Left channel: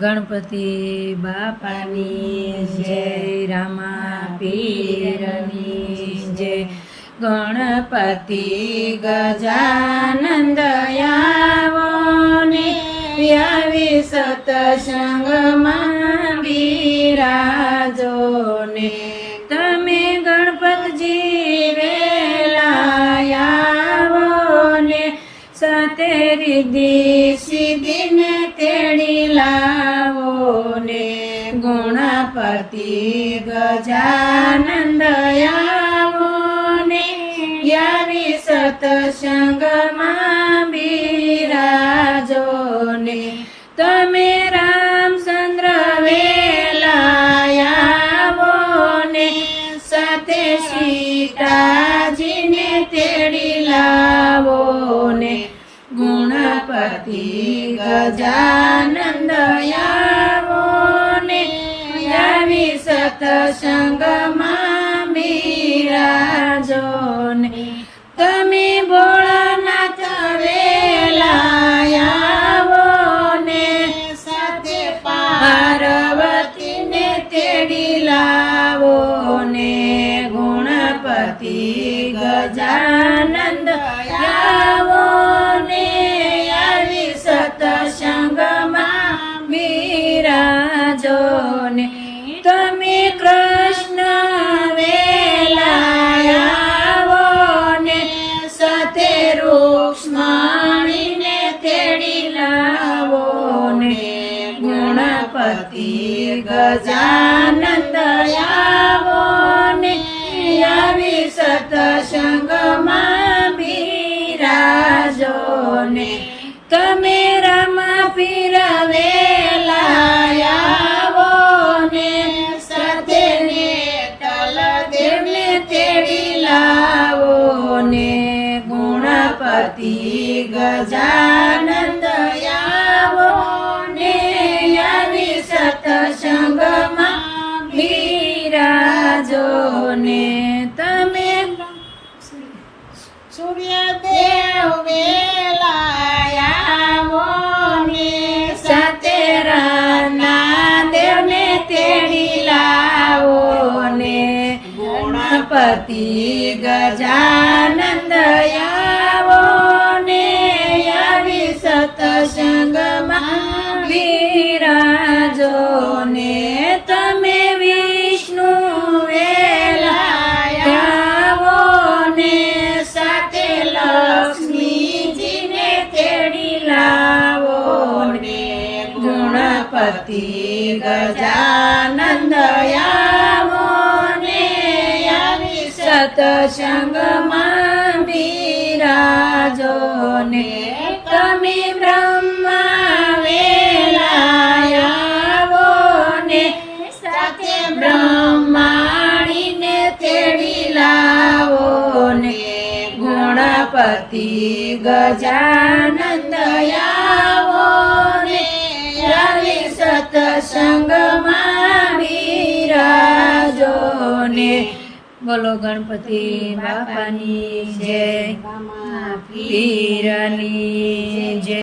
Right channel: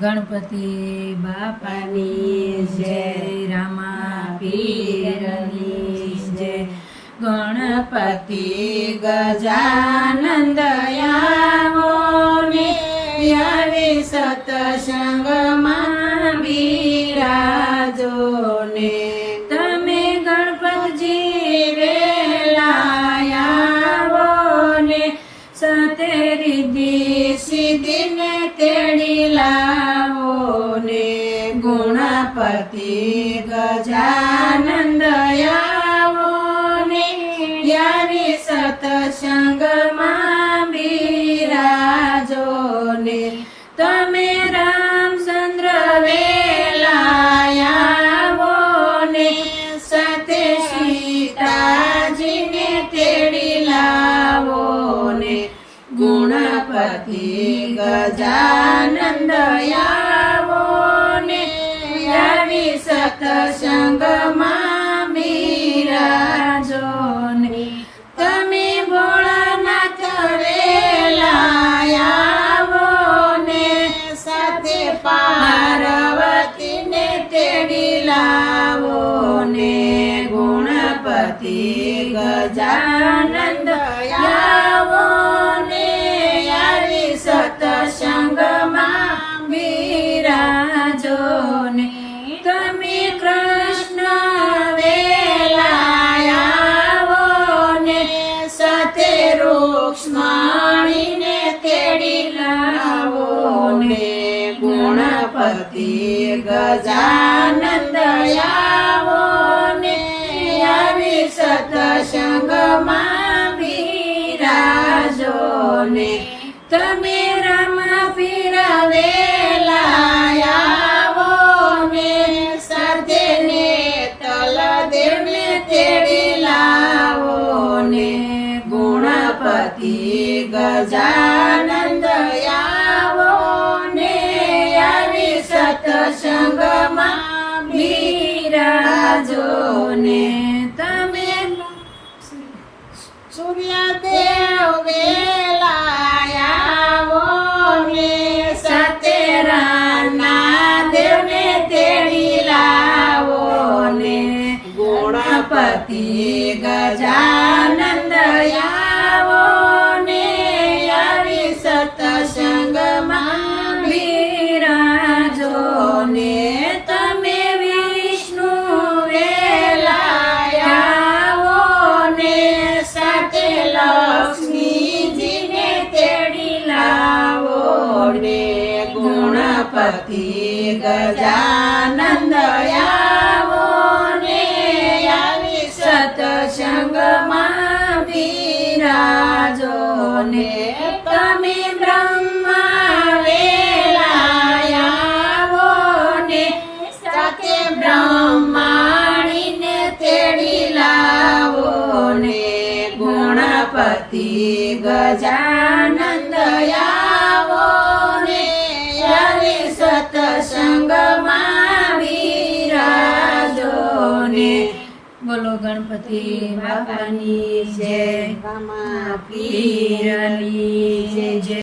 ગણપતિ બાપાની જય રામા પીરની જય. ગણપતિ ગજાનંદ આવો ને આવી સાથે રીધિ સિદ્ધિને તેડી લાવો ને ગુણપતિ ગજાનંદ ગજાનંદ આવો ને આવી સતસંગમાં બિરાજો ને. તમે ભોળાનાથ વેલા આવો ને સાથે પાર્વતીને તેડી લાવો ને. ગુણપતિ ગજાનંદ ગજાનંદ આવો ને આવી સતસંગમાં બિરાજો ને તમે રમા પીરવેલા બિરાજો ને તમે સૂર્યદેવ વેલાયાવો ને સતેરાના દેવને તેડી લાવો ને. ગુણપતિ ગજાનંદ સાથે લક્ષ્મીજીને તેડી લાવો ને ગુણપતિ ગજાનંદ ને આવી સતસંગમાં બિરાજો ને તમે બ્રહ્મા ગુણપતિ ગજાનંદ આવો ને આવી સતસંગમાં બિરાજો ને બોલો ગણપતિ બાપાની જય પીરની જય